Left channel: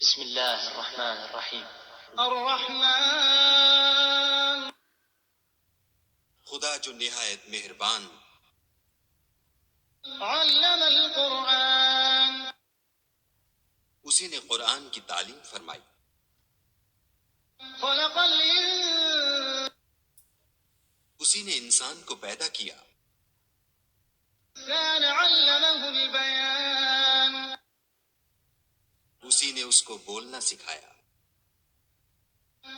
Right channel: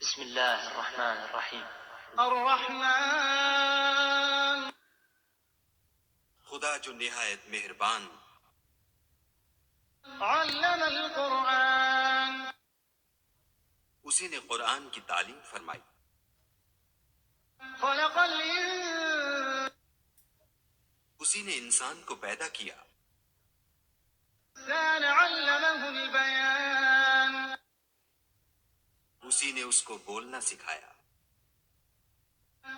بسم الله الرحمن الرحیم۔ الرحمن، خدا جو نہایت مہربان، علم القرآن، اسی نے قرآن کی تعلیم فرمائی، خلق الإنسان، اسی نے انسان کو پیدا کیا، علمه البيان، اسی نے اس کو بولنا سکھایا،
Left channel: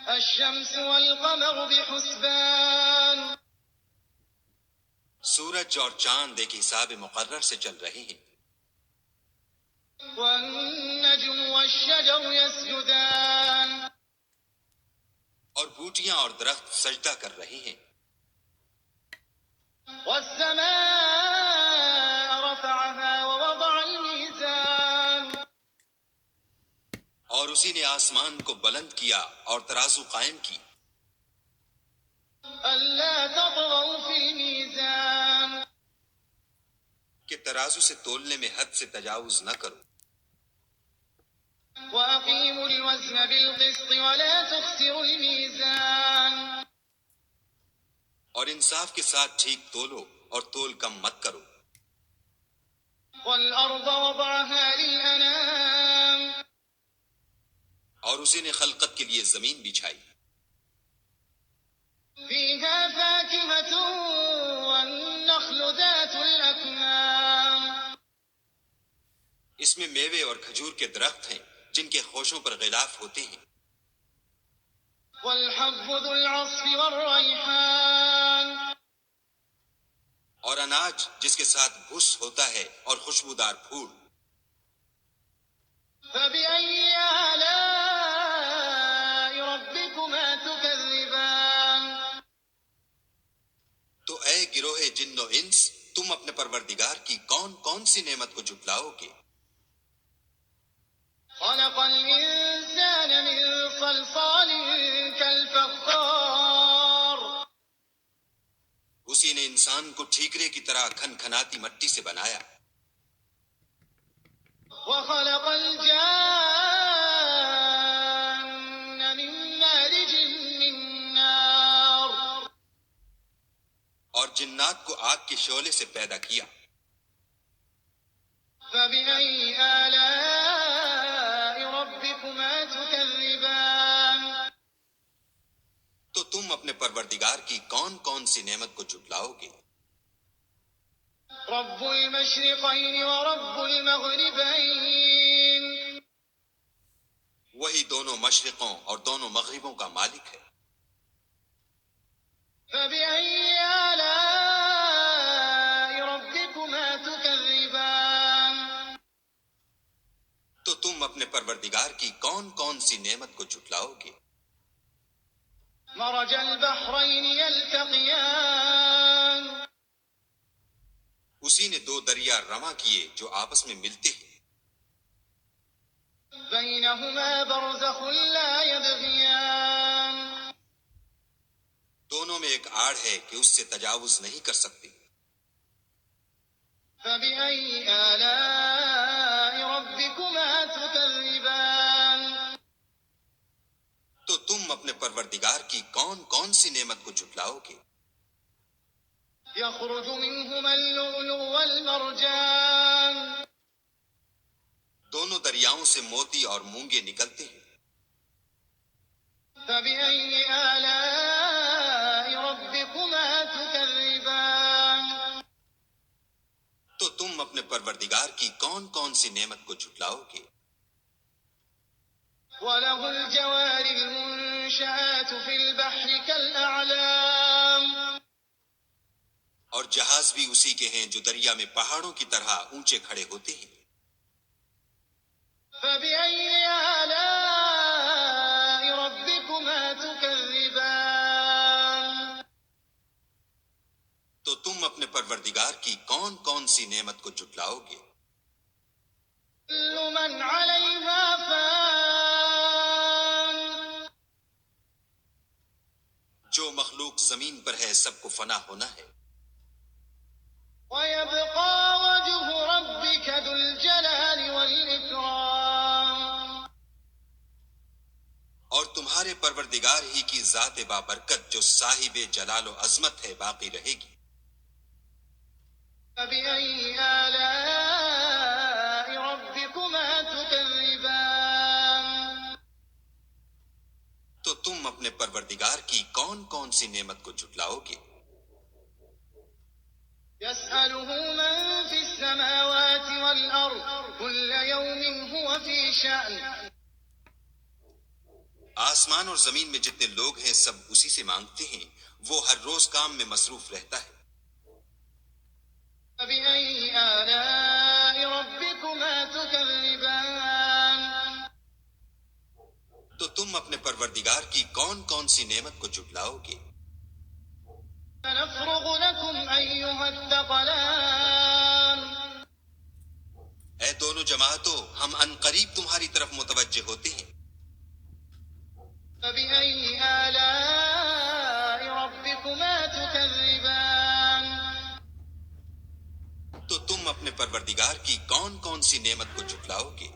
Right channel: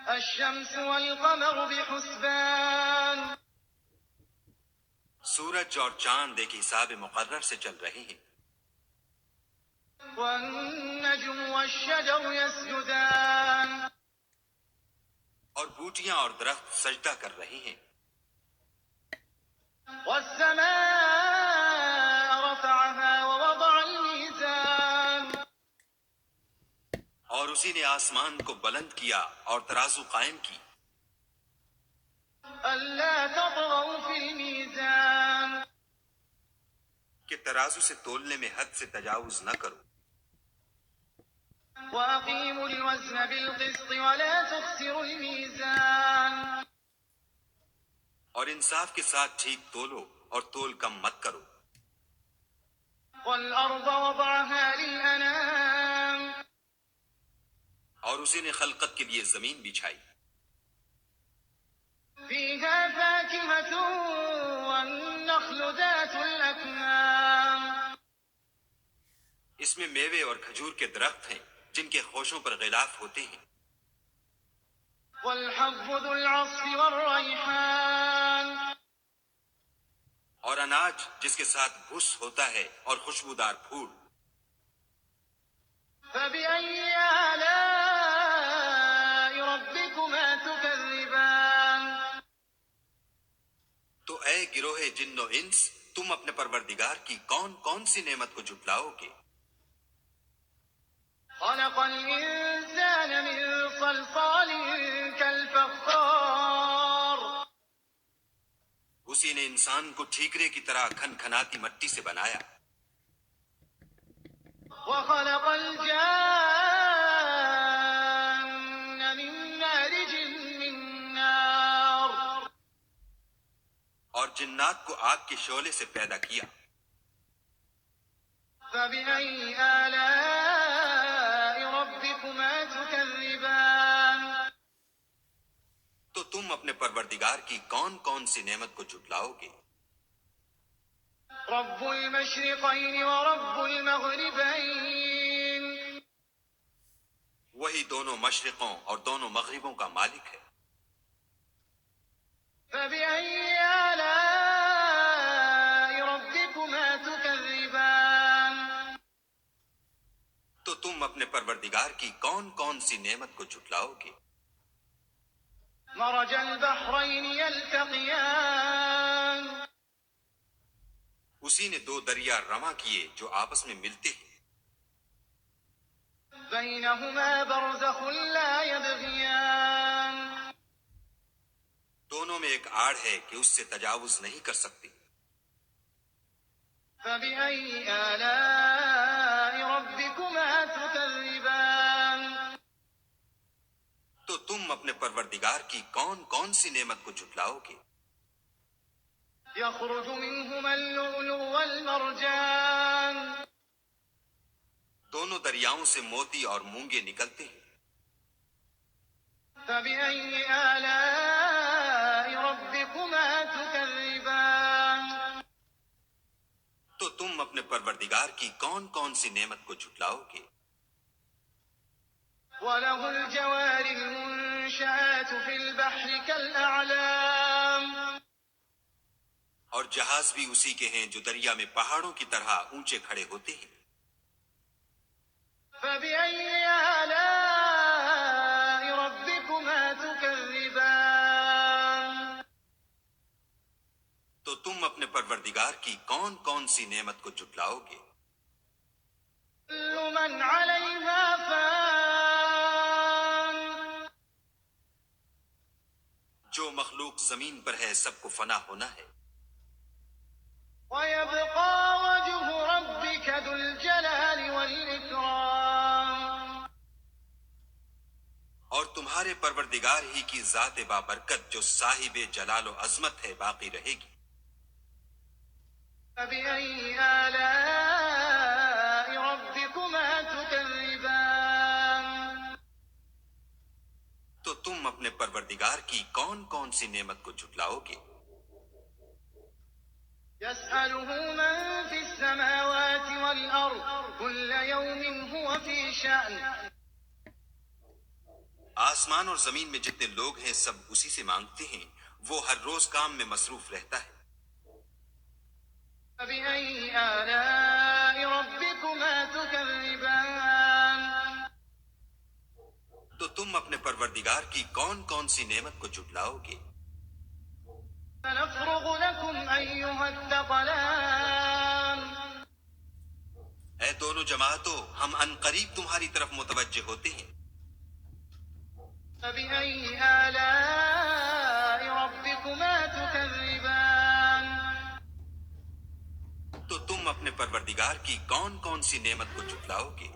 الشمس والقمر بحسبان، سورج اور چاند ایک حساب مقرر سے چل رہے ہیں، والنجم والشجر يسجدان، اور بوٹیاں اور درخت سجدہ کر رہے ہیں، والسماء رفعها ووضع الميزان، اور اسی نے آسمان کو بلند کیا اور ترازو قائم کی، ألا تطغوا في الميزان، کہ ترازو سے تولنے میں حد سے تجاوز نہ کرو، وأقيموا الوزن بالقسط ولا تخسروا الميزان، اور انصاف کے ساتھ ٹھیک تولو اور تول کم مت کرو، والأرض وضعها للأنام، اور اسی نے خلقت کے لیے زمین بچھائی، فيها فاكهة والنخل ذات الأكمام، اس میں میوے اور کھجور کے درخت ہیں جن کے خوشوں پر غلاف ہوتے ہیں، والحب ذو العصف والريحان، اور اناج جس کے ساتھ بھس ہوتا ہے اور خوشبودار پھول، فبأي آلاء ربكما تكذبان، تو اے گروہ جن و انس، تم اپنے پروردگار کی کون کون سی نعمت کو جھٹلاؤ گے؟ خلق الإنسان من صلصال كالفخار، اسی نے انسان کو ٹھیکرے کی طرح کھن کھناتی مٹی سے بنایا، وخلق الجان من مارج من نار، اور جنات کو آگ کے شعلے سے پیدا کیا، فبأي آلاء ربكما تكذبان، تو تم اپنے پروردگار کی کون کون سی نعمت کو جھٹلاؤ گے؟ رب المشرقين ورب المغربين، وہی دونوں مشرقوں اور دونوں مغربوں کا مالک ہے، فبأي آلاء ربكما تكذبان، تو تم اپنے پروردگار کی کون کون سی نعمت کو جھٹلاؤ گے؟ مرج البحرين يلتقيان، اسی نے دو دریا رواں کیے جو آپس میں ملتے ہیں، بينهما برزخ لا يبغيان، دونوں میں ایک آڑ ہے کہ اس سے تجاوز نہیں کر سکتے، فبأي آلاء ربكما تكذبان، تو تم اپنے پروردگار کی کون کون سی نعمت کو جھٹلاؤ گے؟ يخرج منهما اللؤلؤ والمرجان، دونوں دریاؤں سے موتی اور مونگے نکلتے ہیں، فبأي آلاء ربكما تكذبان، تو تم اپنے پروردگار کی کون کون سی نعمت کو جھٹلاؤ گے؟ وله الجوار المنشآت في البحر كالأعلام، اور جہاز بھی اسی کے ہیں جو دریا میں پہاڑوں کی طرح اونچے کھڑے ہوتے ہیں، فبأي آلاء ربكما تكذبان، تو تم اپنے پروردگار کی کون کون سی نعمت کو جھٹلاؤ گے؟ كل من عليها فان، جو مخلوق زمین پر ہے سب کو فنا ہونا ہے، ويبقى وجه ربك ذو الجلال والإكرام، اور تمہارے پروردگار ہی کی ذات بابرکت جو صاحب جلال و عظمت ہے باقی رہے گی۔ فبأي آلاء ربكما تكذبان؟ تو تم اپنے پروردگار کی کون کون سی نعمت کو جھٹلاؤ گے؟ يسأله من في السماوات والأرض كل يوم هو في شأن۔ آسمان اور زمین میں جتنے لوگ ہیں سب اسی سے مانگتے ہیں، وہ ہر روز کام میں مصروف رہتا ہے۔ فبأي آلاء ربكما تكذبان؟ تو تم اپنے پروردگار کی کون کون سی نعمت کو جھٹلاؤ گے؟ سنفرغ لكم أيها الثقلان۔ اے دونوں جماعتوں، ہم ان قریب تمہاری طرف متوجہ ہوتے ہیں۔ فبأي آلاء ربكما تكذبان؟ تو تم اپنے پروردگار کی کون کون سی نعمت کو جھٹلاؤ گے؟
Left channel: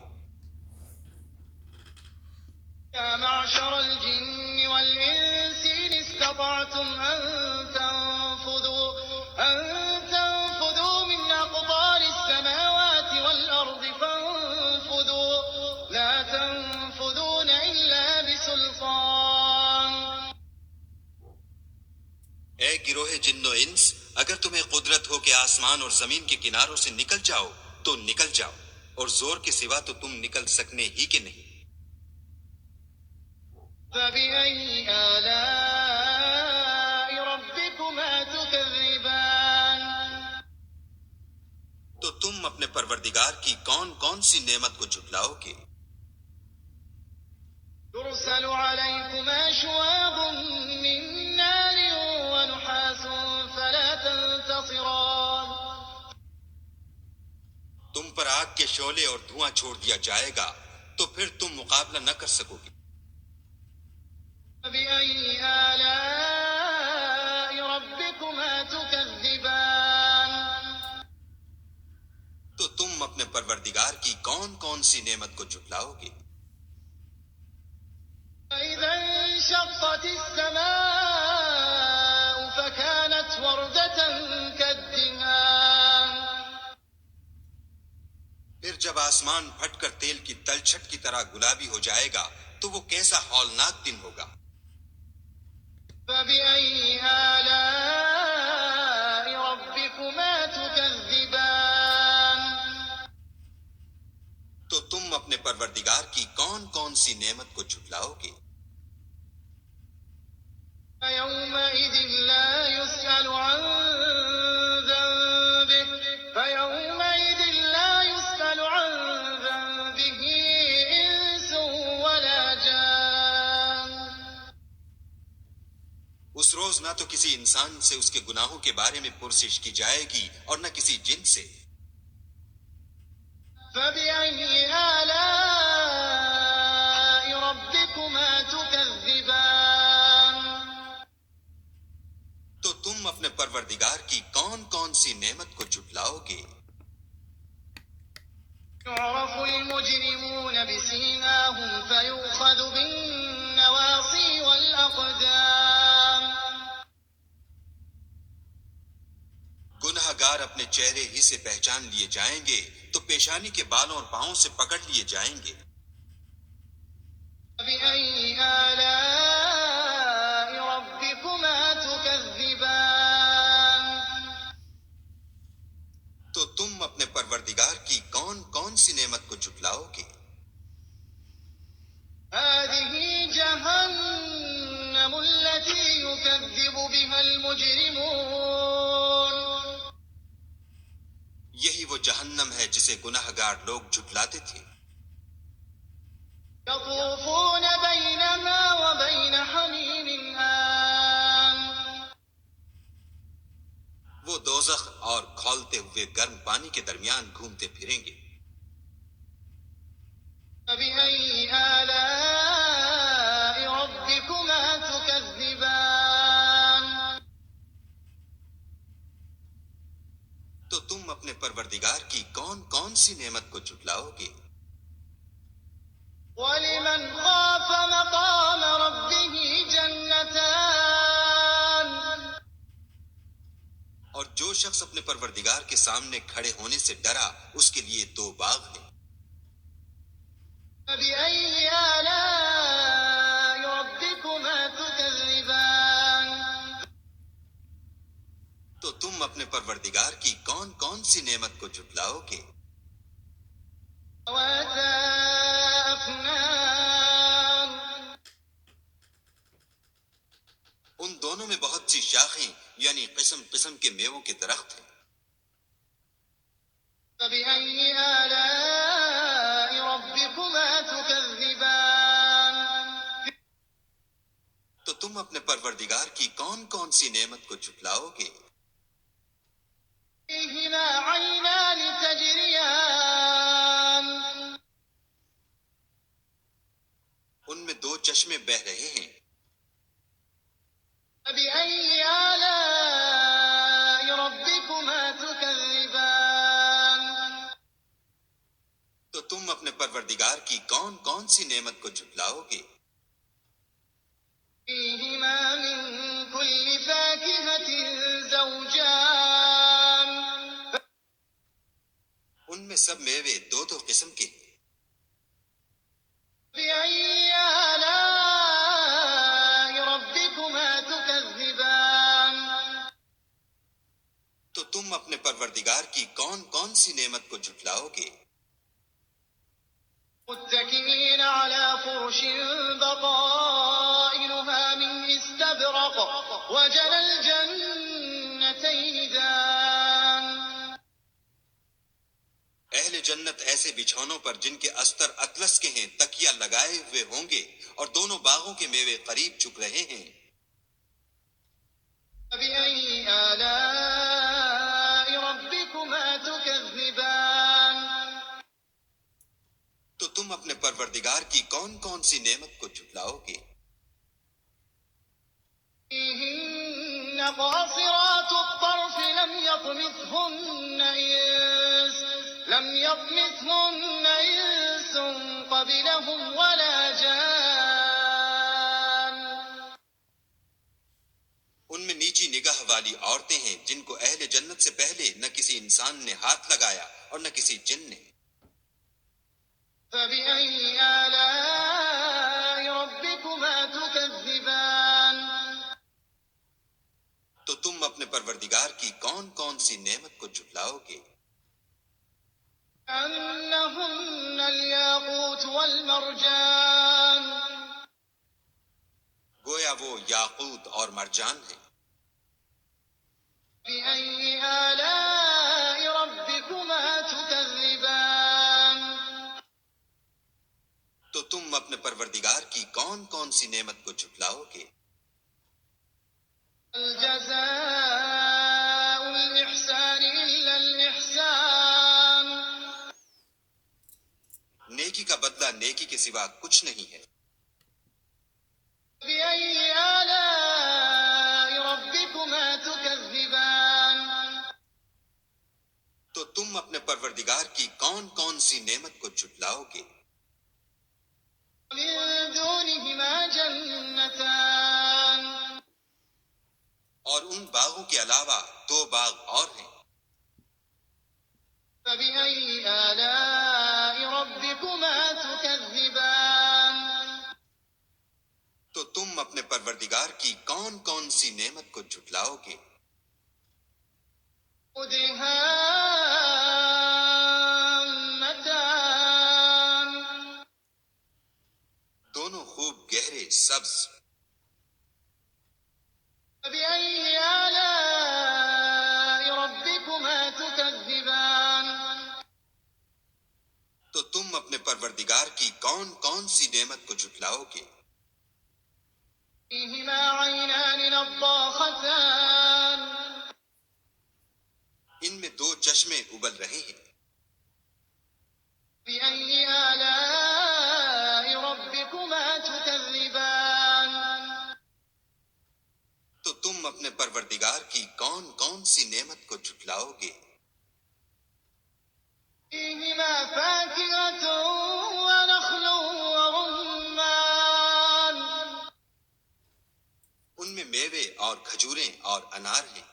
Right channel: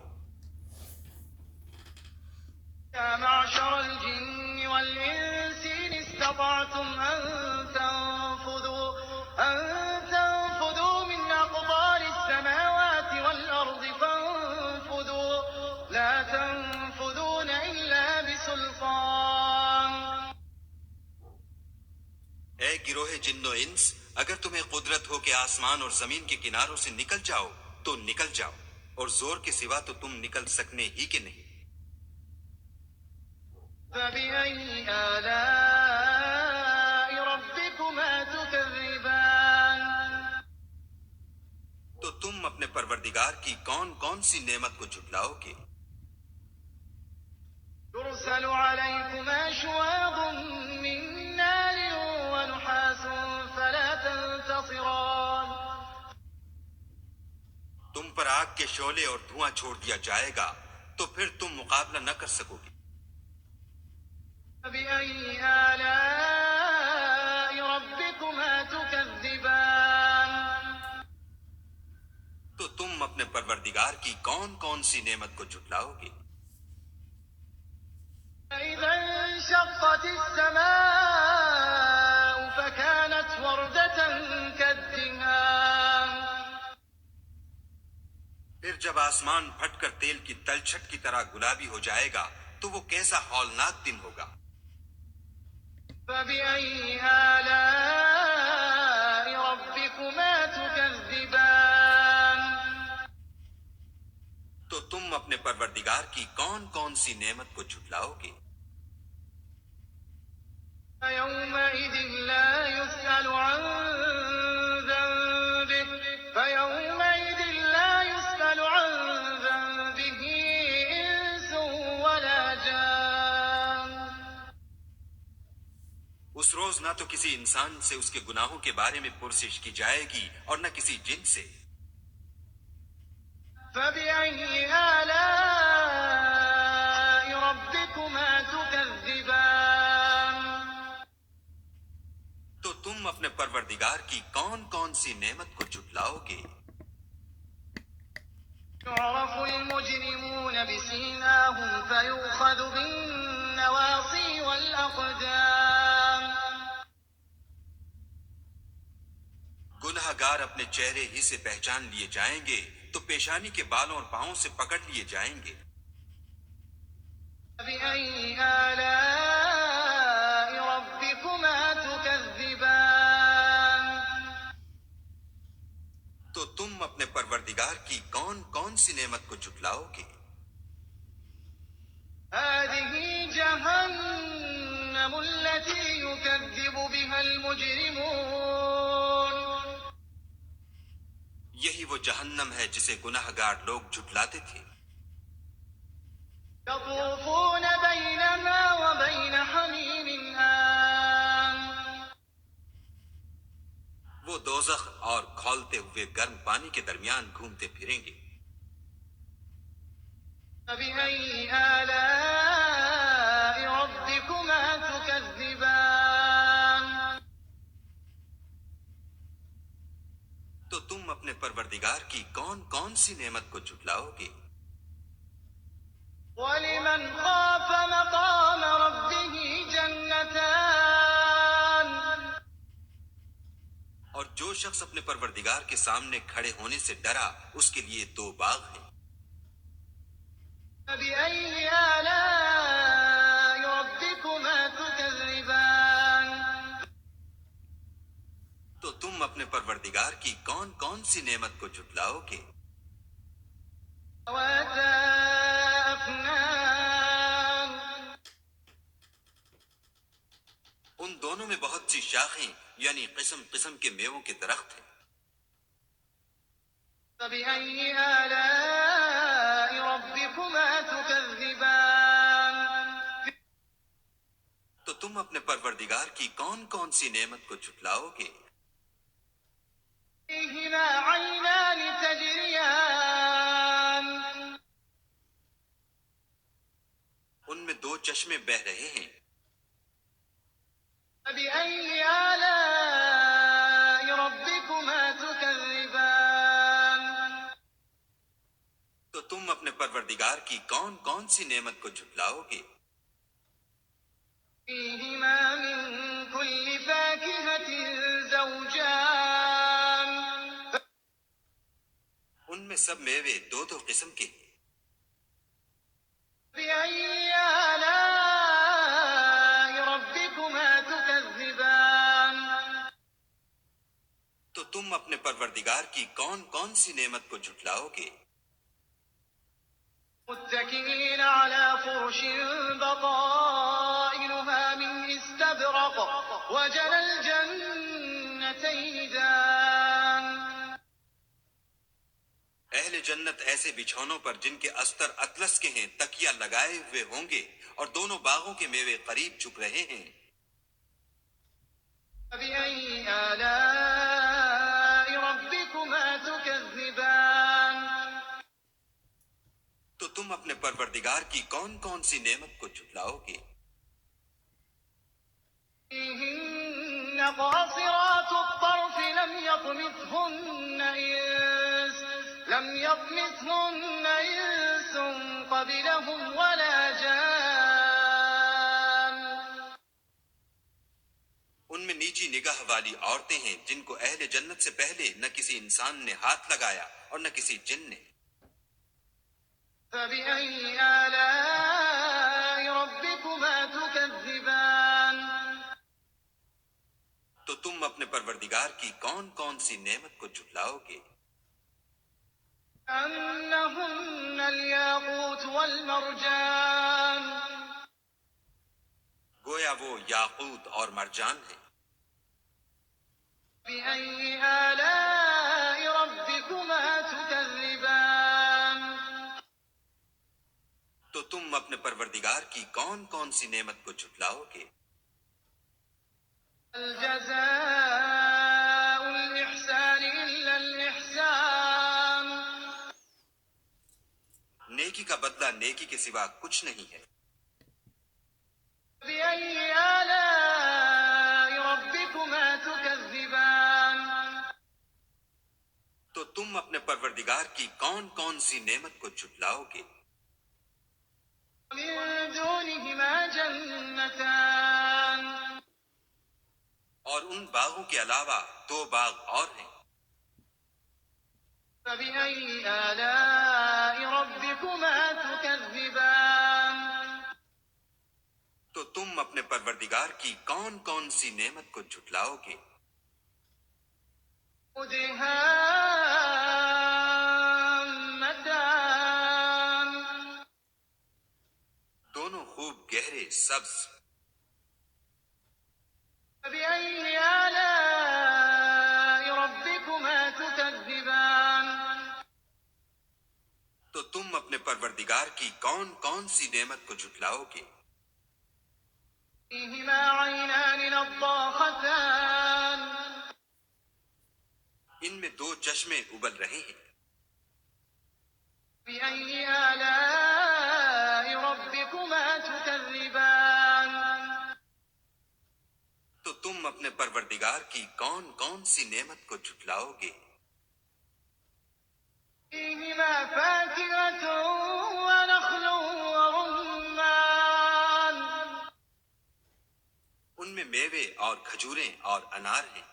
يا معشر الجن والإنس إن استطعتم أن تنفذوا من أقطار السماوات والأرض فانفذوا لا تنفذون إلا بسلطان۔ اے گروہ جن و انس، اگر تمہیں قدرت ہو کہ آسمان اور زمین کے کناروں سے نکل جاؤ تو نکل جاؤ، اور زور کے سوا تو تم نکل سکنے ہی کہ نہیں۔ فبأي آلاء ربكما تكذبان؟ تو تم اپنے پروردگار کی کون کون سی نعمت کو جھٹلاؤ گے؟ يرسل عليكما شواظ من نار ونحاس فلا تنتصران۔ تم پر آگ کے شعلے اور دھواں چھوڑ دیا جائے گا تو پھر تم مقابلہ نہ کر سکو گے۔ فبأي آلاء ربكما تكذبان؟ تو تم اپنے پروردگار کی کون کون سی نعمت کو جھٹلاؤ گے؟ فإذا انشقت السماء فكانت وردة كالدهان۔ پھر جب آسمان پھٹ کر تیل کی تلچھٹ کی طرح گلابی ہو جائے گا تو وہ کیسا ہولناک دن ہوگا۔ فبأي آلاء ربكما تكذبان؟ تو تم اپنے پروردگار کی کون کون سی نعمت کو جھٹلاؤ گے؟ فيومئذ لا يسأل عن ذنبه إنس ولا جان۔ اس روز نہ تو کسی انسان سے اس کے گناہوں کے بارے میں پرسش کی جائے گی اور نہ کسی جن سے۔ فبأي آلاء ربكما تكذبان؟ تو تم اپنے پروردگار کی کون کون سی نعمت کو جھٹلاؤ گے؟ يعرف المجرمون بسيماهم فيؤخذ بالنواصي والأقدام۔ گناہ گار اپنے چہرے ہی سے پہچان لیے جائیں گے تو پیشانی کے بالوں اور پاؤں سے پکڑ لیے جائیں گے۔ فبأي آلاء ربكما تكذبان؟ تو تم اپنے پروردگار کی کون کون سی نعمت کو جھٹلاؤ گے؟ هذه جهنم التي يكذب بها المجرمون۔ یہی وہ جہنم ہے جسے گناہ گار لوگ جھٹلاتے تھے۔ يطوفون بينها وبين حميم آن۔ وہ دوزخ اور کھولتے ہوئے گرم پانی کے درمیان گھومتے پھریں گے۔ فبأي آلاء ربكما تكذبان؟ تو تم اپنے پروردگار کی کون کون سی نعمت کو جھٹلاؤ گے؟ ولمن خاف مقام جو شخص اپنے پروردگار کے سامنے کھڑے ہونے سے ڈرا اس کے لیے 2 باغ ہیں. فبأي آلاء ربكما تكذبان تو تم اپنے پروردگار کی کون کون سی نعمت کو جھٹلاؤ گے؟ ذواتا أفنان ان دونوں میں بہت سی شاخیں یعنی قسم قسم کے میووں کے درخت ہیں. فبأي آلاء ربكما تكذبان تو تم اپنے پروردگار کی کون کون سی نعمت کو جھٹلاؤ گے؟ فيهما عينان تجريان ان میں 2 چشمے بہ رہے ہیں. فبأي آلاء ربكما تكذبان تو تم اپنے پروردگار کی کون کون سی نعمت کو جھٹلاؤ گے؟ فيهما من كل فاكهة زوجان ان میں سب میوے 2 قسم کے ہیں. فبأي آلاء ربكما تكذبان تو تم اپنے پروردگار کی کون کون سی نعمت کو جھٹلاؤ گے؟ متكئين على فرش بطائنها من استبرق وجنى الجنتين دان اہل جنت ایسے بچھونوں پر جن کے استر اطلس کے ہیں تکیہ لگائے ہوئے ہوں گے اور دونوں باغوں کے میوے قریب چک رہے ہیں. فبأي آلاء ربكما تكذبان تو تم اپنے پروردگار کی کون کون سی نعمت کو جھٹلاؤ گے؟ فيهن قاصرات الطرف لم يطمثهن إنس قبلهم ولا جان ان میں نیچی نگاہ والی عورتیں ہیں جن کو اہل جنت سے پہلے نہ کسی انسان نے ہاتھ لگایا اور نہ کسی جن نے. فبأي آلاء ربكما تكذبان تو تم اپنے پروردگار کی کون کون سی نعمت کو جھٹلاؤ گے؟ أنهن الياقوت والمرجان گویا وہ یاقوت اور مرجان ہیں. فبأي آلاء ربكما تكذبان تو تم اپنے پروردگار کی کون کون سی نعمت کو جھٹلاؤ گے؟ الجزاء الإحسان إلا الإحسان نیکی کا بدلہ نیکی کے سوا کچھ نہیں ہے. فبأي آلاء ربكما تكذبان تو تم اپنے پروردگار کی کون کون سی نعمت کو جھٹلاؤ گے؟ من دونهما جنتان اور ان باغوں کے علاوہ 2 باغ اور ہیں. فبأي آلاء ربكما تكذبان تو تم اپنے پروردگار کی کون کون سی نعمت کو جھٹلاؤ گے؟ مدهامتان دونوں خوب گہرے سبز. فبأي آلاء ربكما تكذبان تو تم اپنے پروردگار کی کون کون سی نعمت کو جھٹلاؤ گے؟ فيهما عينان نضاختان ان میں 2 چشمے ابل رہے ہیں. فبأي آلاء ربكما تكذبان تو تم اپنے پروردگار کی کون کون سی نعمت کو جھٹلاؤ گے؟ فيهما فاكهة ونخل ورمان ان میں میوے اور کھجوریں اور انار ہیں.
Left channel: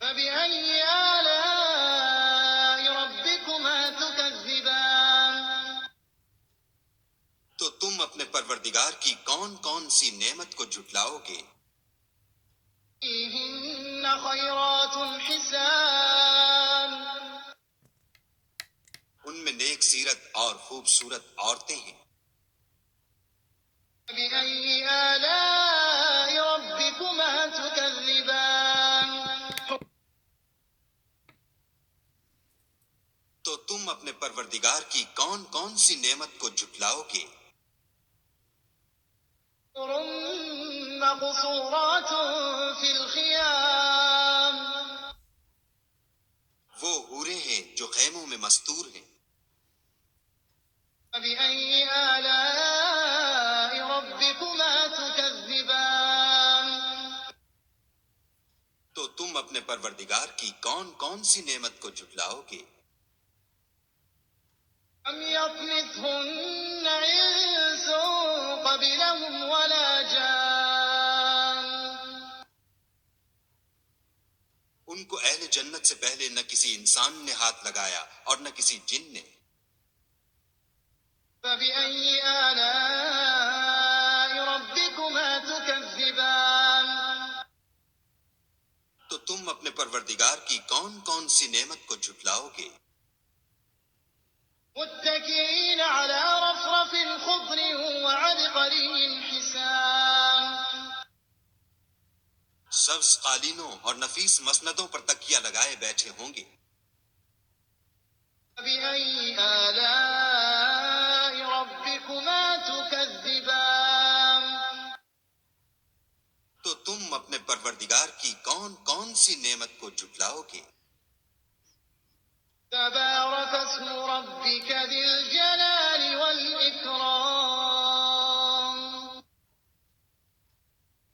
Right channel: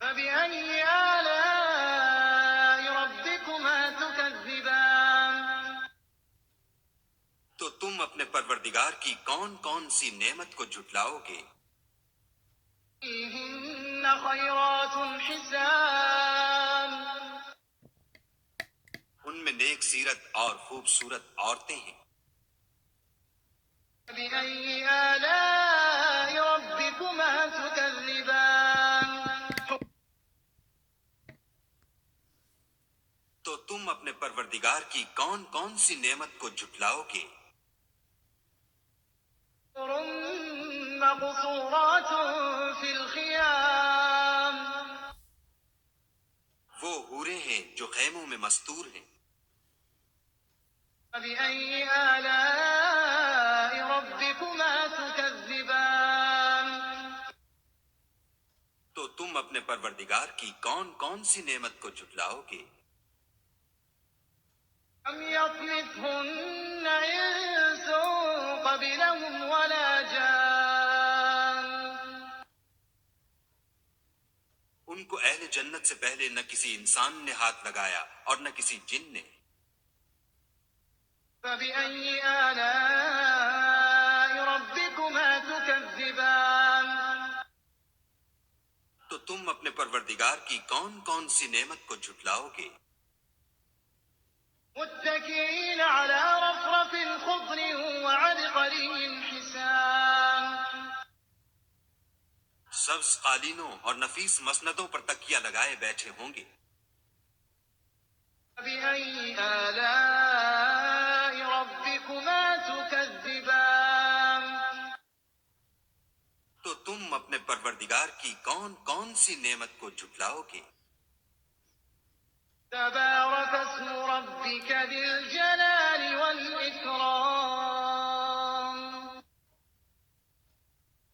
فبأي آلاء ربكما تكذبان تو تم اپنے پروردگار کی کون کون سی نعمت کو جھٹلاؤ گے؟ فيهن خيرات حسان ان میں نیک سیرت اور خوبصورت عورتیں ہیں۔ فبأي آلاء ربكما تكذبان تو تم اپنے پروردگار کی کون کون سی نعمت کو جھٹلاؤ گے؟ حور مقصورات في الخيام وہ حوریں ہیں جو خیموں میں مستور ہیں۔ فبأي آلاء ربكما تكذبان تو تم اپنے پروردگار کی کون کون سی نعمت کو جھٹلاؤ گے؟ لم يطمثهن إنس قبلهم ولا جان ان کو اہل جنت سے پہلے نہ کسی انسان نے ہاتھ لگایا اور نہ کسی جن نے۔ فبأي آلاء ربكما تكذبان تو تم اپنے پروردگار کی کون کون سی نعمت کو جھٹلاؤ گے؟ متكئين على رفرف خضر وعبقري حسان سبز قالینوں اور نفیس مسندوں پر تکیہ لگائے بیٹھے ہوں گے۔ فبأي آلاء ربكما تكذبان تو تم اپنے پروردگار کی کون کون سی نعمت کو جھٹلاؤ گے؟ تبارك اسم ربك ذي الجلال والإكرام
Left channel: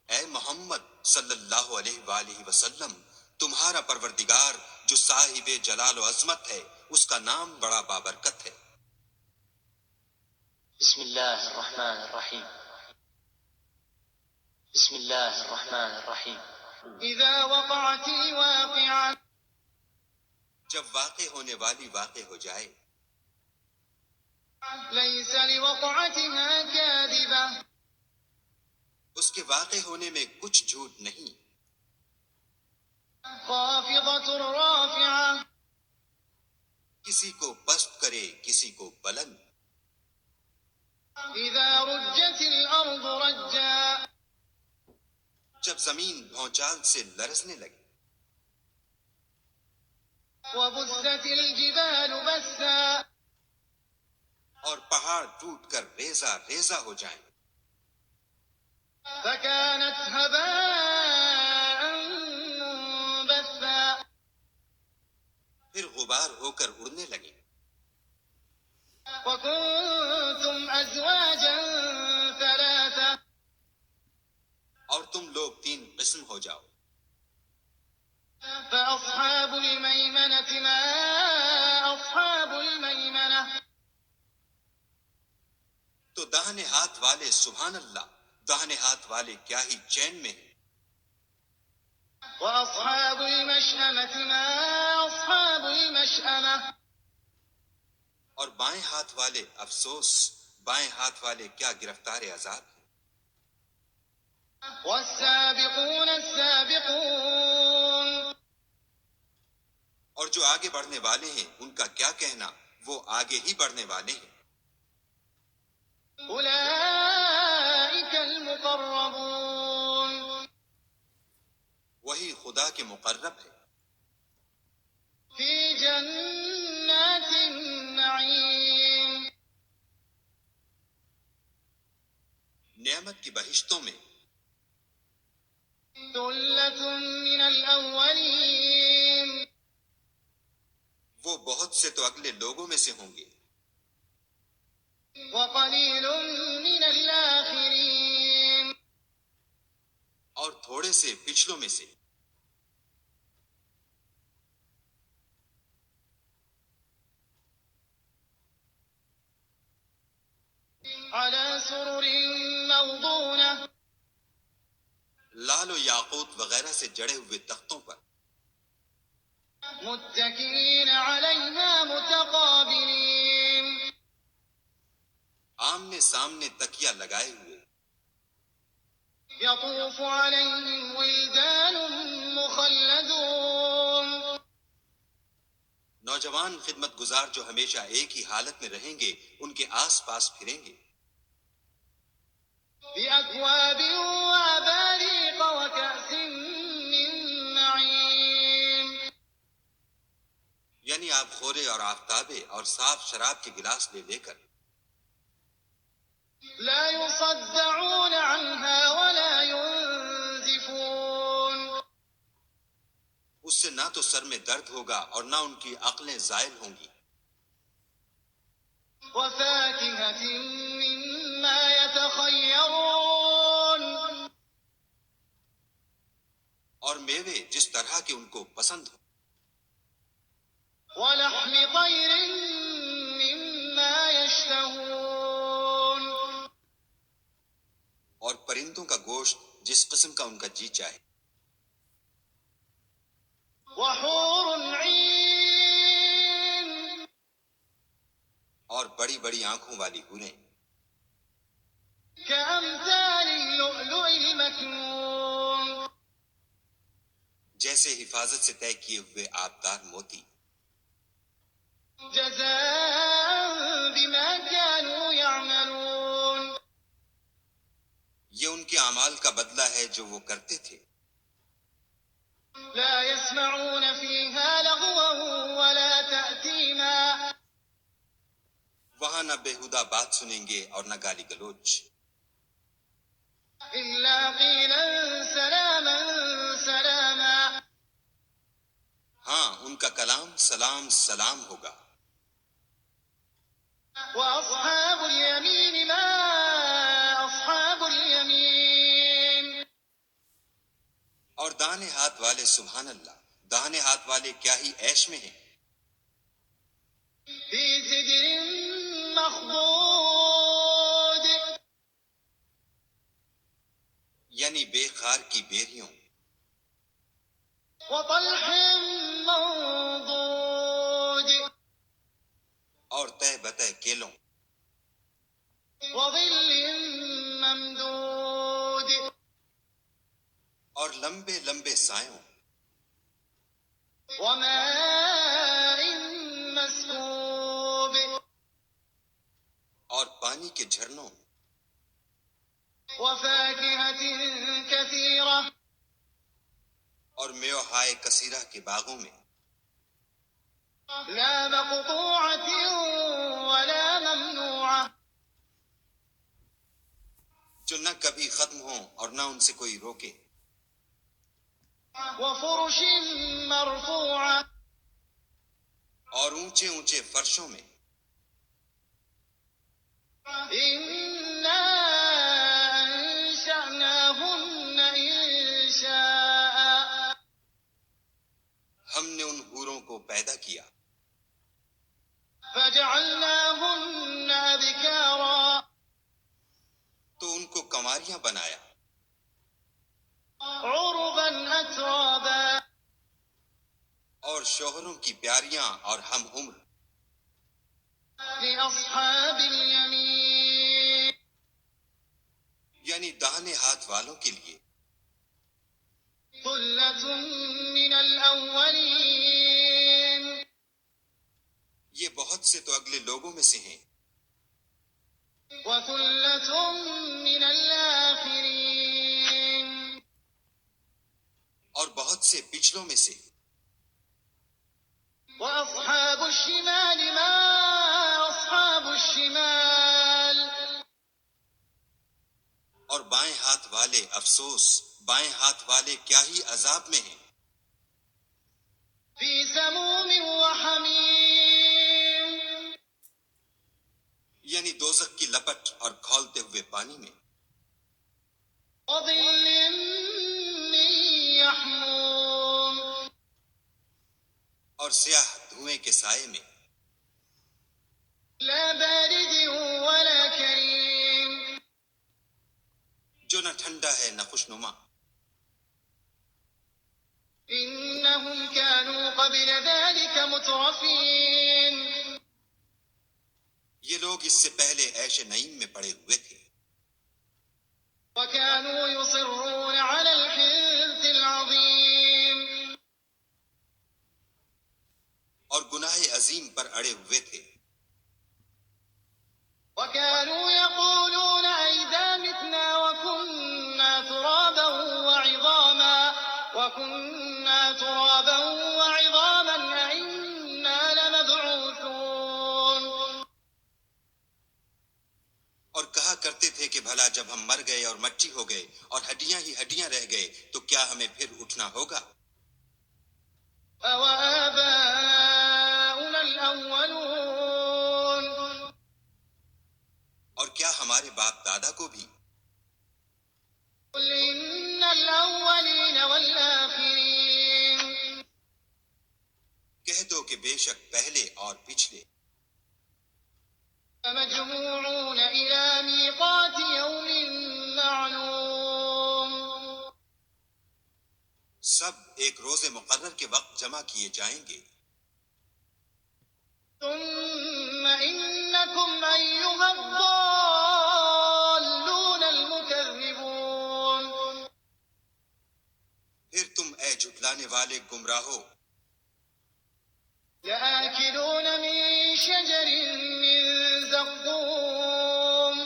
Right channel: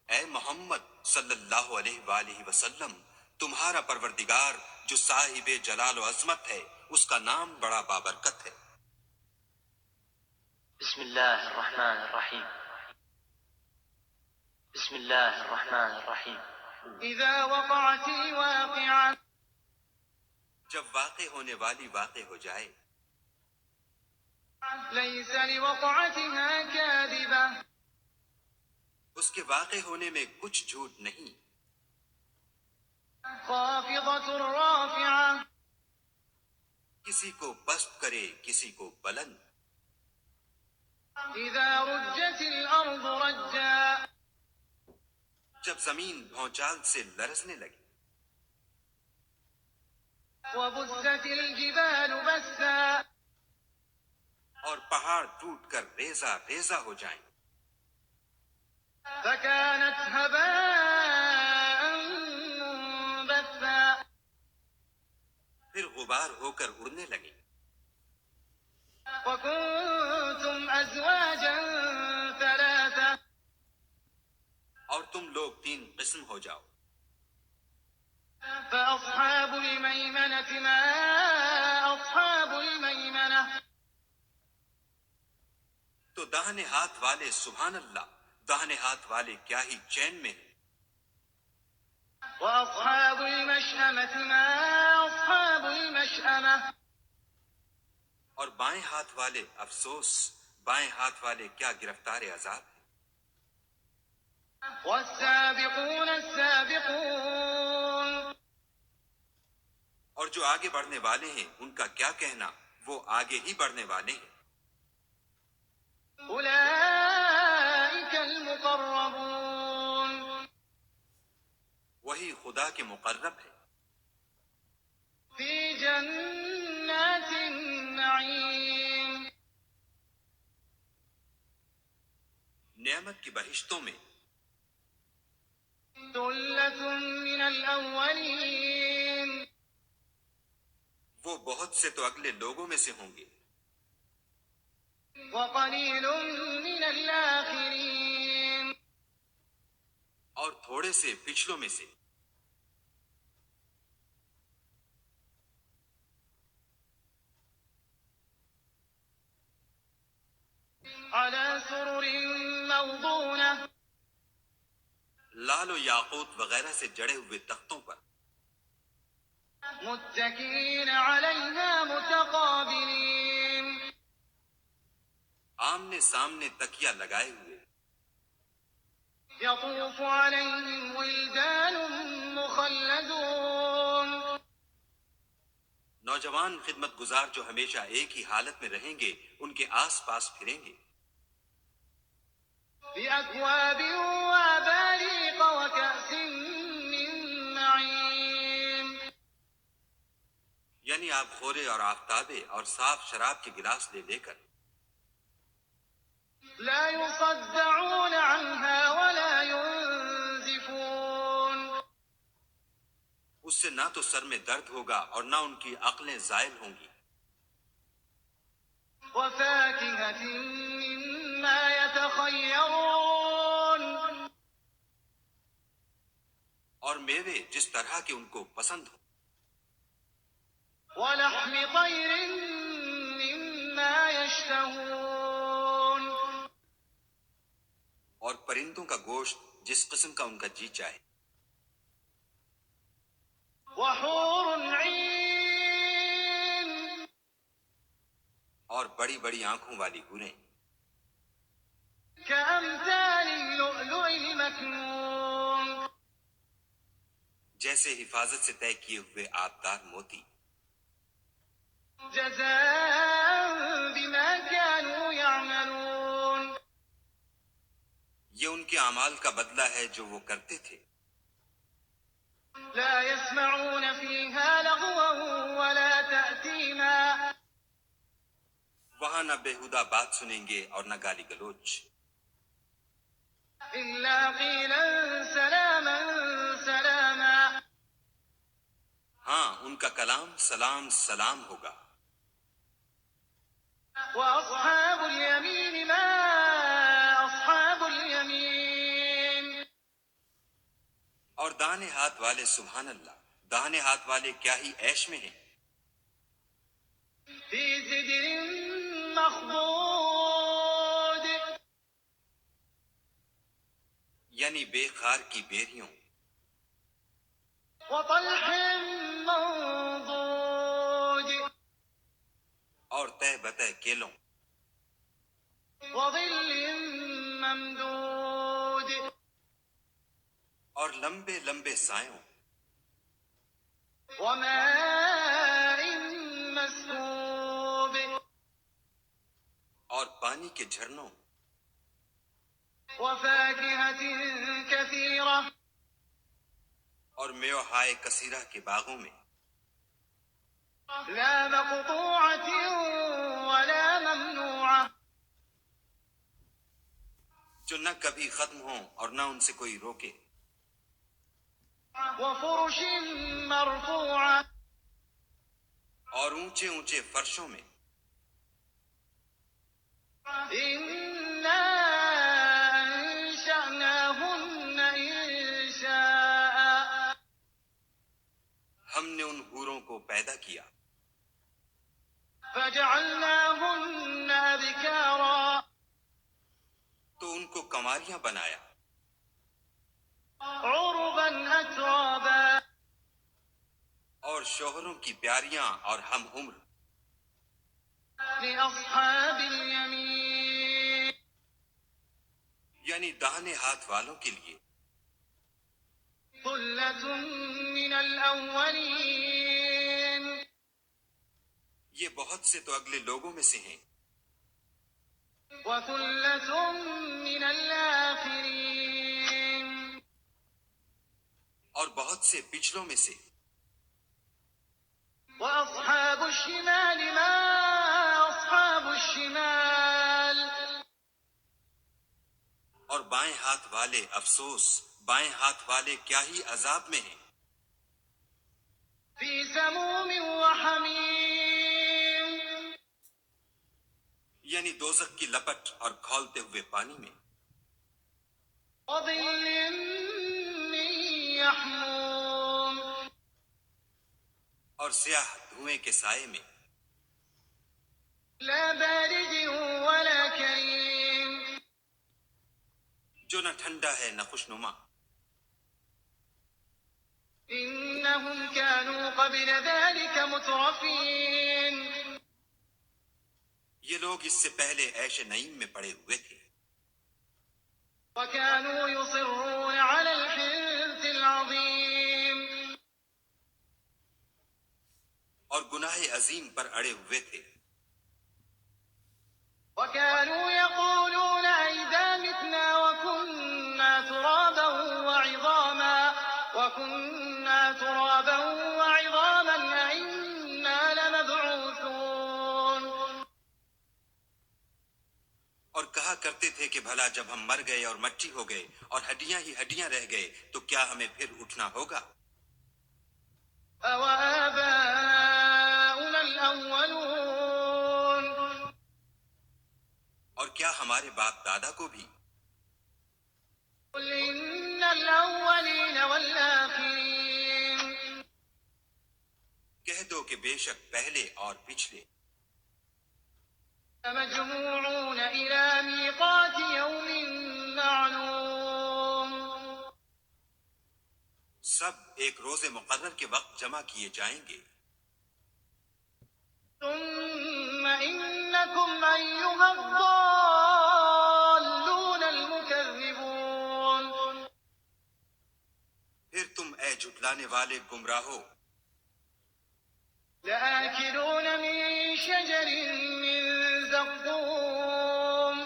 اے محمد صلی اللہ علیہ وآلہ وسلم، تمہارا پروردگار جو صاحب جلال و عظمت ہے، اس کا نام بڑا بابرکت ہے۔ بسم الله الرحمن الرحيم بسم الله الرحمن الرحيم إذا وقعت الواقعة جب واقع ہونے والی واقع ہو جائے، ليس لوقعتها كاذبة اس کے واقع ہونے میں کچھ جھوٹ نہیں۔ خافضة رافعة کسی کو پست کرے، کسی کو بلند۔ إذا رجت الأرض رجا جب زمین بھونچال سے لرزنے لگے، وبست الجبال بسا اور پہاڑ ٹوٹ کر ریزہ ریزہ ہو جائیں، فكانت هباء منبثا پھر غبار ہو کر اڑنے لگے۔ وكنتم أزواجا ثلاثة اور تم لوگ تین قسم ہو جاؤ۔ فأصحاب الميمنة ما أصحاب الميمنة تو داہنے ہاتھ والے سبحان اللہ، داہنے ہاتھ والے کیا ہی چین میں ہیں۔ وأصحاب المشأمة ما أصحاب المشأمة اور بائیں ہاتھ والے افسوس، بائیں ہاتھ والے کیا گرفتار عذاب ہیں۔ والسابقون السابقون اور جو آگے بڑھنے والے ہیں ان کا کیا کہنا، وہ آگے ہی بڑھنے والے ہیں۔ أولئك المقربون وہی خدا کے مقرب ہے، في جنات النعيم نعمت کی بہشتوں میں۔ ثلة من الأولين وہ بہت سے تو اگلے لوگوں میں سے ہوں گے، وقليل من الآخرين اور تھوڑے سے پچھلوں میں سے۔ على سرر موضونة لال و یاقوت وغیرہ سے جڑے ہوئے تختوں پر۔ متكئين عليها متقابلين آمنے سامنے تکیا لگائے ہوئے. يطوف عليهم ولدان مخلدون نوجوان خدمت گزار جو ہمیشہ ایک ہی حالت میں رہیں گے ان کے آس پاس پھریں گے. بأكواب وأباريق وكأس من معين یعنی آپ خورے اور آفتابے اور صاف شراب کے گلاس لے لے کر. لا يصدعون عنها ولا ينزفون اس سے نہ تو سر میں درد ہوگا اور نہ ان کی عقلیں زائل ہوں گی. وفاكهة مما يتخيرون اور میوے جس طرح کے ان کو پسند ہوں. ولحم طير مما يشتهون اور پرندوں کا گوشت جس قسم کا ان کا جی چاہے. وحور عين اور بڑی بڑی آنکھوں والی حوریں كأمثال اللؤلؤ المكنون جیسے حفاظت سے طے کیے ہوئے آبدار موتی. جزاء بما كانوا يعملون یہ ان کے اعمال کا بدلہ ہے جو وہ کرتے تھے. لا يسمعون فيها لغوا ولا تأثيما وہاں نہ بےہودہ بات سنیں گے اور نہ گالی گلوچ. إلا قيلا سلاما سلاما ہاں ان کا کلام سلام سلام ہوگا. وأصحاب اليمين ما أصحاب اليمين اور دانے ہاتھ والے سبحان اللہ داہنے ہاتھ والے کیا ہی عیش میں ہیں. في سدر مخضود یعنی بے خار کی بیریوں وطلح منضود اور تہ بتہ کیلوں وظل ممدود اور لمبے لمبے سایوں وماء مسكوب اور پانی کے جھرنوں وفاكهة كثيرة اور میوہائے کثیرہ کے باغوں میں لا مقطوعة ولا ممنوعة جو نہ کبھی ختم ہوں اور نہ ان سے کوئی روکے. وفرش مرفوعة اور اونچے اونچے فرشوں میں. إنا أنشأناهن إنشاء ہم نے ان حوروں کو پیدا کیا فجعلناهن أبكارا تو ان کو کنواریاں بنایا عربا أترابا اور شوہروں کی پیاریاں اور ہم عمر. لأصحاب اليمين یعنی داہنے ہاتھ والوں کے لیے. ثلة من الأولين یہ بہت سے تو اگلے لوگوں میں سے ہیں وثلة من الآخرين اور بہت سے پچھلوں میں سے. وأصحاب الشمال ما أصحاب الشمال اور بائیں ہاتھ والے افسوس بائیں ہاتھ والے کیا ہی عذاب میں ہیں. في سموم وحميم یعنی دوزخ کی لپٹ اور کھولتے ہوئے پانی میں. وظل من يحموم اور سیاہ دھوئیں کے سائے میں. لا بارد ولا كريم جو نہ ٹھنڈا ہے نہ خوشنما. إن إنهم كانوا قبل ذلك مترفين یہ لوگ اس سے پہلے عیش نعیم میں پڑے ہوئے تھے وكانوا يصرون على الحنث العظيم اور گناہ عظیم پر اڑے ہوئے تھے وكانوا يقولون أئذا متنا وكنا ترابا وعظاما أئنا لمبعوثون اور کہا کرتے تھے کہ بھلا جب ہم مر گئے اور مٹی ہو گئے اور ہڈیاں ہی ہڈیاں رہ گئے تو کیا ہمیں پھر اٹھنا ہوگا أَوَآبَاؤُنَا الْأَوَّلُونَ اور کیا ہمارے باپ دادا کو بھی قُلْ إِنَّ الْأَوَّلِينَ وَالْآخِرِينَ کہہ دو کہ بے شک پہلے اور پچھلے مجموعون إلى ميقات يوم معلوم سب ایک روز مقرر کے وقت جمع کیے جائیں گے ثم إنكم أيها الضالون المكذبون پھر تم اے جھٹلانے والے گمراہو لآكلون من شجر من زقوم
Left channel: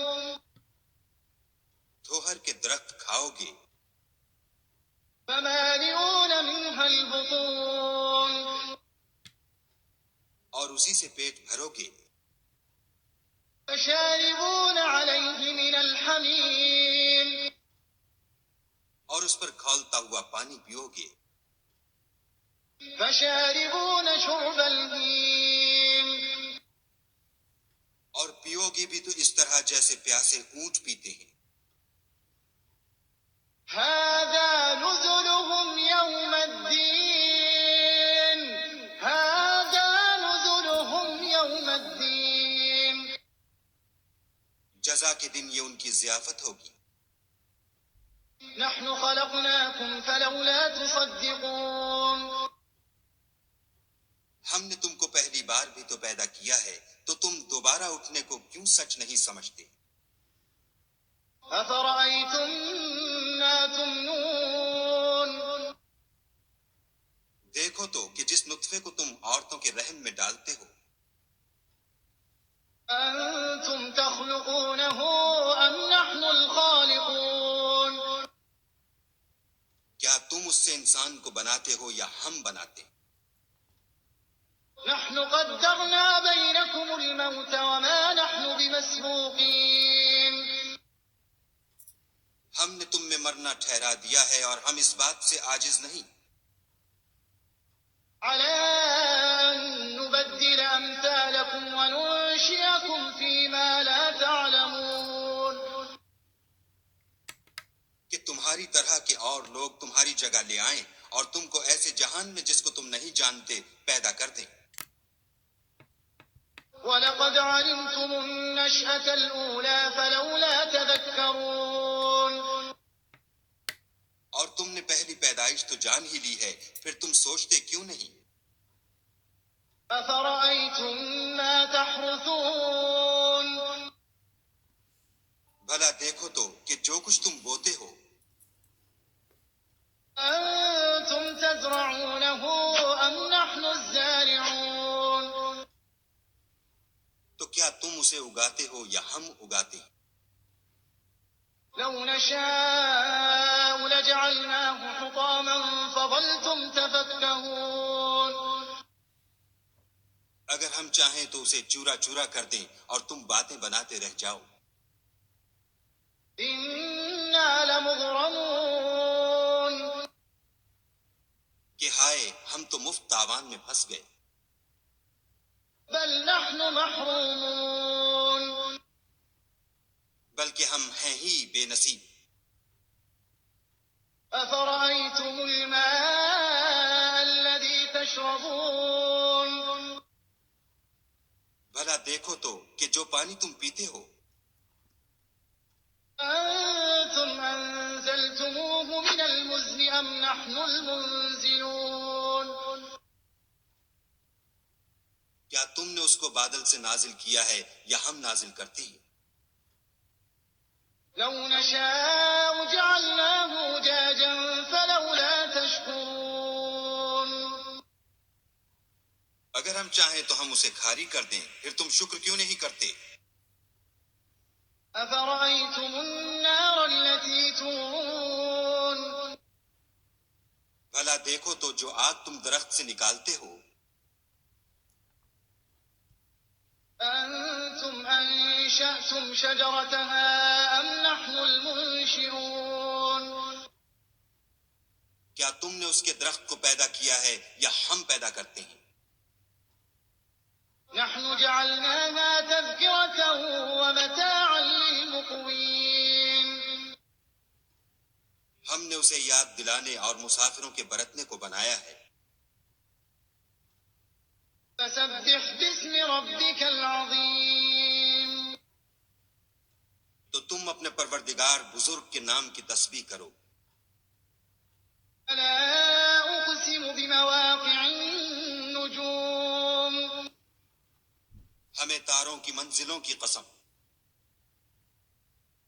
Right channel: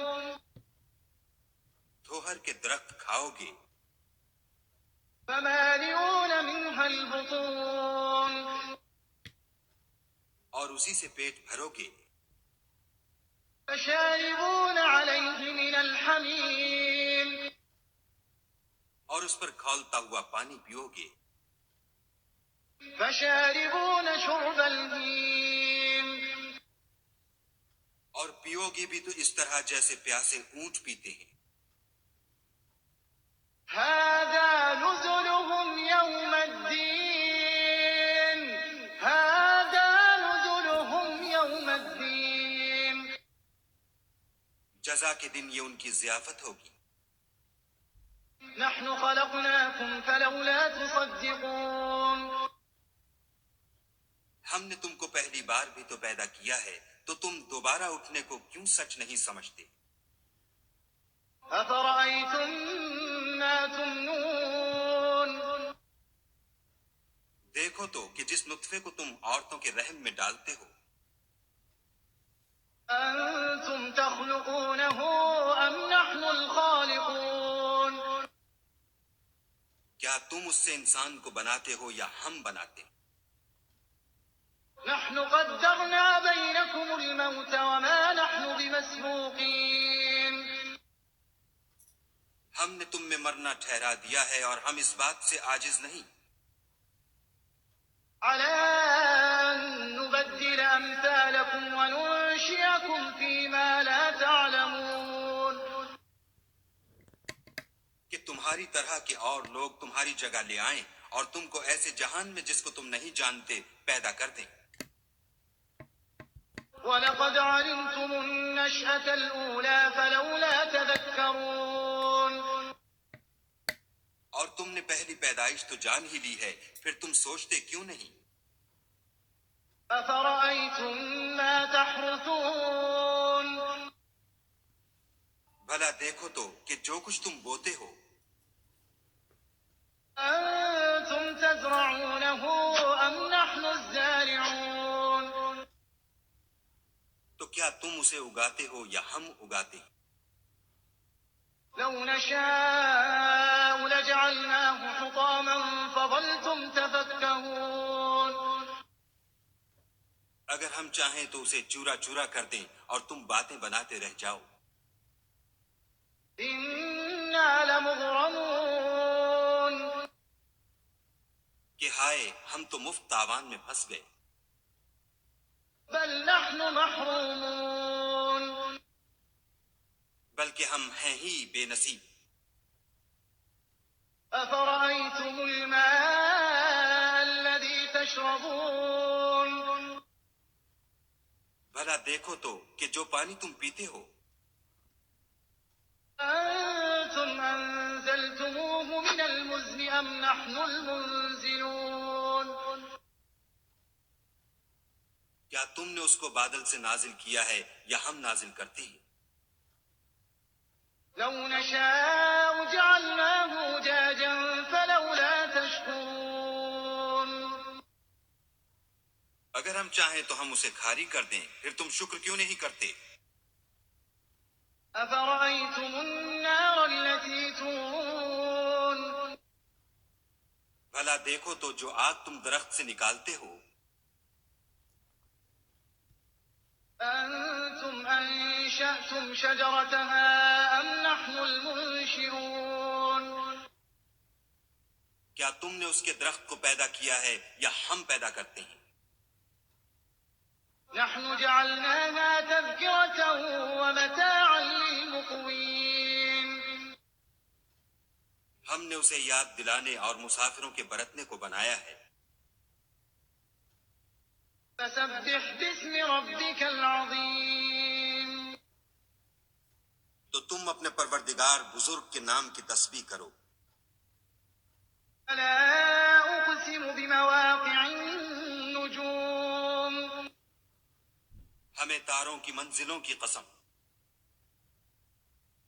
دھوہر کے درخت کھاؤ گے فمالئون منها البطون اور اسی سے پیٹ بھرو گے فشاربون عليه من الحميم اور اس پر کھولتا ہوا پانی پیو گے فشاربون شرب الهيم اور پیو گی بھی تو اس طرح جیسے پیاسے اونٹ پیتے ہیں هذا نزلهم يوم الدين هذا نزلهم يوم الدين جزا کے دن یہ ان کی ضیافت ہوگی نحن خلقناكم فلولا تصدقون ہم نے تم کو پہلی بار بھی تو پیدا کیا ہے تو تم دوبارہ اٹھنے کو کیوں سچ نہیں سمجھتے أفرأيتم ما تمنون دیکھو تو کہ جس نطفے کو تم عورتوں کے رحم میں ڈالتے ہو أنتم تخلقونه أم نحن الخالقون کیا تم اس سے انسان کو بناتے ہو یا ہم بناتے نحن قدرنا بينكم الموت وما نحن بمسبوقين ہم نے تم میں مرنا ٹھہرا دیا ہے اور ہم اس بات سے عاجز نہیں على أن نبدل أمثالكم وننشئكم فيما لا تعلمون کہ تمہاری طرح کے اور لوگ تمہاری جگہ لے آئیں اور تم کو ایسے جہان میں جس کو تم نہیں جانتے پیدا کر دیں وَلَقَدْ عَلِمْتُمُ النَّشْأَةَ الْأُولَى فَلَوْلَا تَذَكَّرُونَ اور تم نے پہلی پیدائش تو جان ہی لی ہے پھر تم سوچتے کیوں نہیں أَفَرَأَيْتُم مَّا تَحْرُثُونَ بھلا دیکھو تو کہ جو کچھ تم بوتے ہو أَنتُمْ تَزْرَعُونَهُ أَمْ نَحْنُ الزَّارِعُونَ تو کیا تم اسے اگاتے ہو یا ہم اگاتے ہیں لَوْ نَشَاءُ لَجَعَلْنَاهُ حُطَامًا فَظَلْتُمْ تَفَكَّهُونَ اگر ہم چاہیں تو اسے چورا چورا کر دیں اور تم باتیں بناتے رہ جاؤ إِنَّا لَمُغْرَمُونَ کہ ہائے ہم تو مفت تاوان میں پھنس گئے بَلْ نَحْنُ مَحْرُومُونَ بلکہ ہم ہیں ہی بے نصیب أَفَرَأَيْتُمُ الْمَاءَ الَّذِي تَشْرَبُونَ بھلا دیکھو تو کہ جو پانی تم پیتے ہو أَنتُمْ أَنزَلْتُمُوهُ مِنَ الْمُزْنِ أَمْ نَحْنُ الْمُنزِلُونَ کیا تم نے اس کو بادل سے نازل کیا ہے یا ہم نازل کرتے ہیں؟ لو نشاء جعلناه أجاجا فلولا تشكرون اگر ہم چاہیں تو ہم اسے کھاری کر دیں، پھر تم شکر کیوں نہیں کرتے؟ أفرأيتم النار التي تورون بھلا دیکھو تو جو آگ تم درخت سے نکالتے ہو، أنتم أنشأتم شجرتها أم نحن المنشئون کیا تم نے اس کے درخت کو پیدا کیا ہے یا ہم پیدا کرتے ہیں؟ نحن جعلناها تذكرة ومتاعا للمقوين ہم نے اسے یاد دلانے اور مسافروں کے برتنے کو بنایا ہے۔ فسبح باسم ربك العظيم تو تم اپنے پروردگار بزرگ کے نام کی تسبیح کرو۔ فلا أقسم بمواقع النجوم ہمیں تاروں کی منزلوں کی قسم،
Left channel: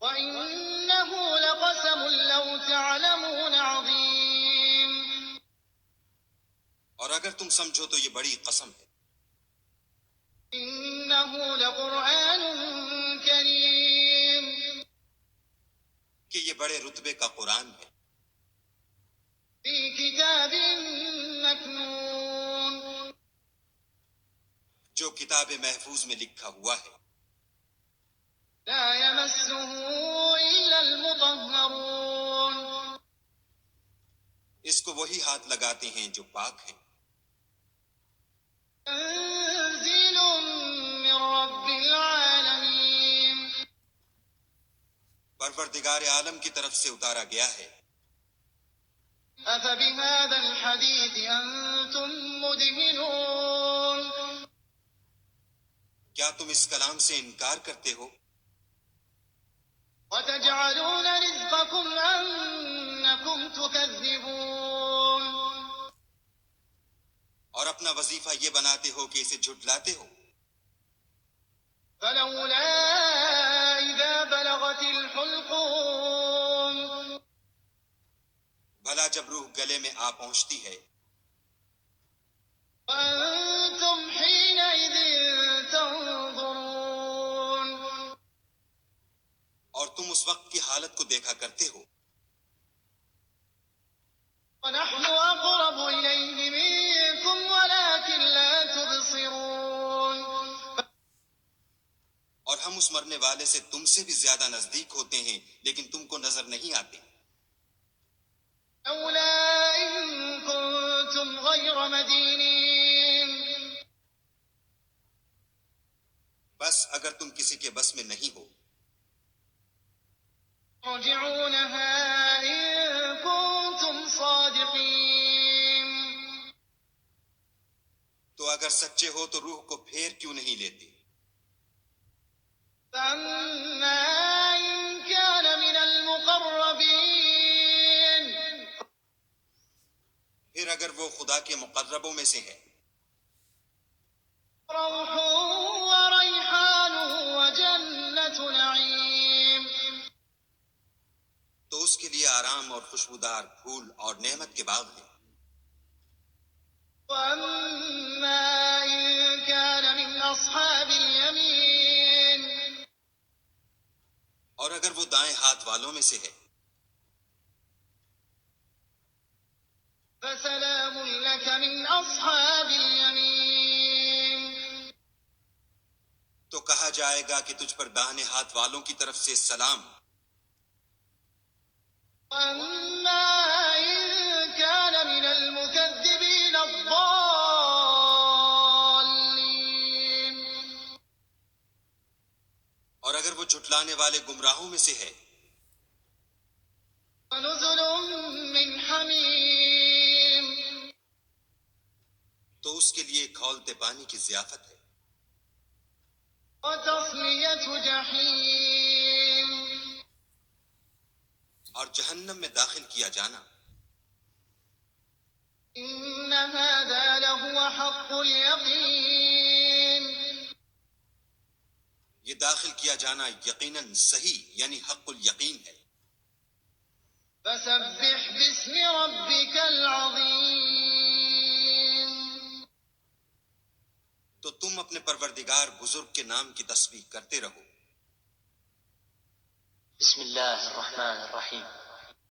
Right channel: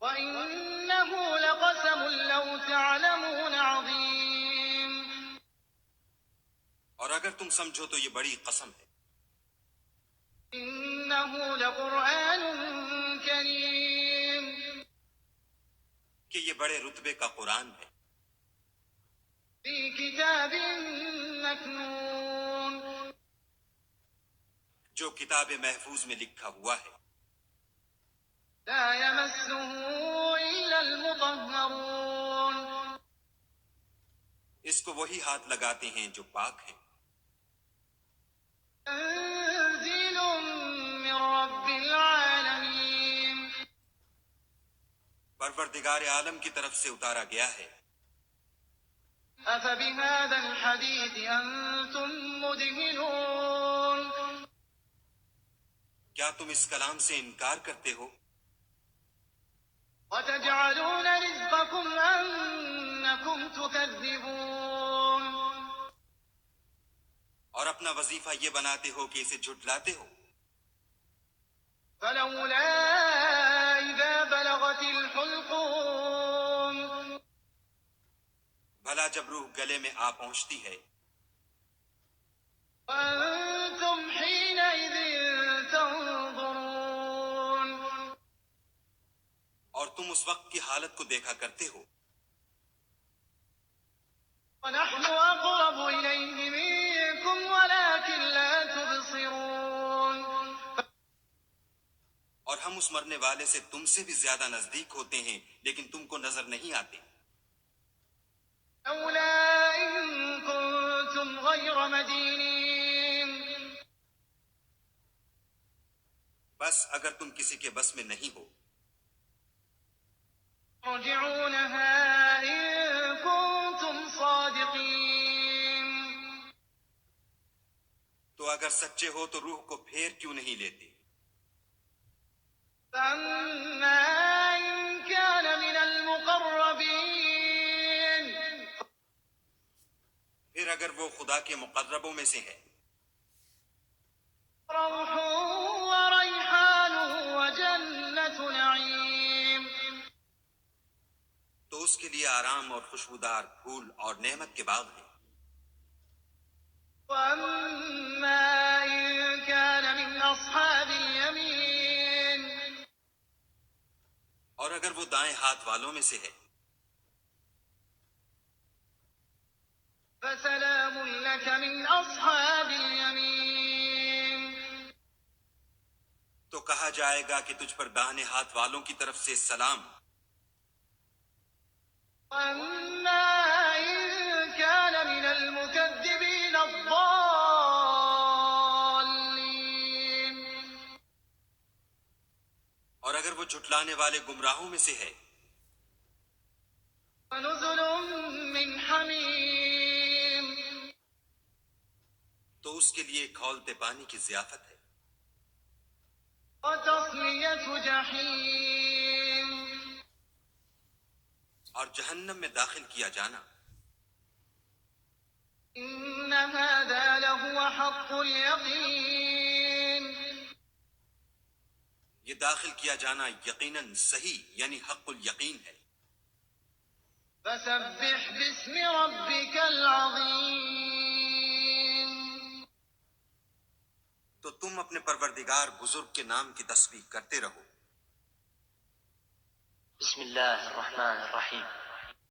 وإنه لقسم لو تعلمون عظيم اور اگر تم سمجھو تو یہ بڑی قسم ہے۔ إنه لقرآن كريم کہ یہ بڑے رتبے کا قرآن ہے، في كتاب مكنون جو کتاب محفوظ میں لکھا ہوا ہے، لا يمسه إلا المطهرون اس کو وہی ہاتھ لگاتے ہیں جو پاک ہیں۔ تنزيل من رب العالمين پروردگار عالم کی طرف سے اتارا گیا ہے۔ أفبهذا الحديث أنتم مدهنون کیا تم اس کلام سے انکار کرتے ہو؟ وتجعلون رزقكم أنكم تكذبون اور اپنا وظیفہ یہ بناتے ہو کہ اسے جھٹلاتے ہو۔ فلولا إذا بلغت الحلقوم بھلا جب روح گلے میں آ پہنچتی ہے، وأنتم حينئذ تنظرون اور تم اس وقت کی حالت کو دیکھا کرتے ہو، ونحن أقرب إليه منكم ولكن لا تبصرون اور ہم اس مرنے والے سے تم سے بھی زیادہ نزدیک ہوتے ہیں لیکن تم کو نظر نہیں آتے۔ لولا إن كنتم غير مدينين بس اگر تم کسی کے بس میں نہیں ہو، ترجعونها إن كنتم صادقين تو اگر سچے ہو تو روح کو پھیر کیوں نہیں لیتے؟ فأما إن كان من المقربين پھر اگر وہ خدا کے مقربوں میں سے ہے روح وريحان وجنة نعيم تو اس کے لیے آرام اور خوشبودار پھول اور نعمت کے باغ ہیں۔ وأما إن كان من أصحاب اليمين اور اگر وہ دائیں ہاتھ والوں میں سے ہے فسلام لك من أصحاب اليمين تو کہا جائے گا کہ تجھ پر داہنے ہاتھ والوں کی طرف سے سلام۔ وأما إن كان من المكذبين الضالين اور اگر وہ جھٹلانے والے گمراہوں میں سے ہے فنزل من حميم تو اس کے لیے کھولتے پانی کی ضیافت ہے، وتصلية جحيم اور جہنم میں داخل کیا جانا۔ إن هذا لهو حق اليقين یہ داخل کیا جانا یقیناً صحیح یعنی حق الیقین ہے. فسبح باسم ربك العظيم. تو تم اپنے پروردگار بزرگ کے نام کی تسبیح کرتے رہو. بسم الله الرحمن الرحيم.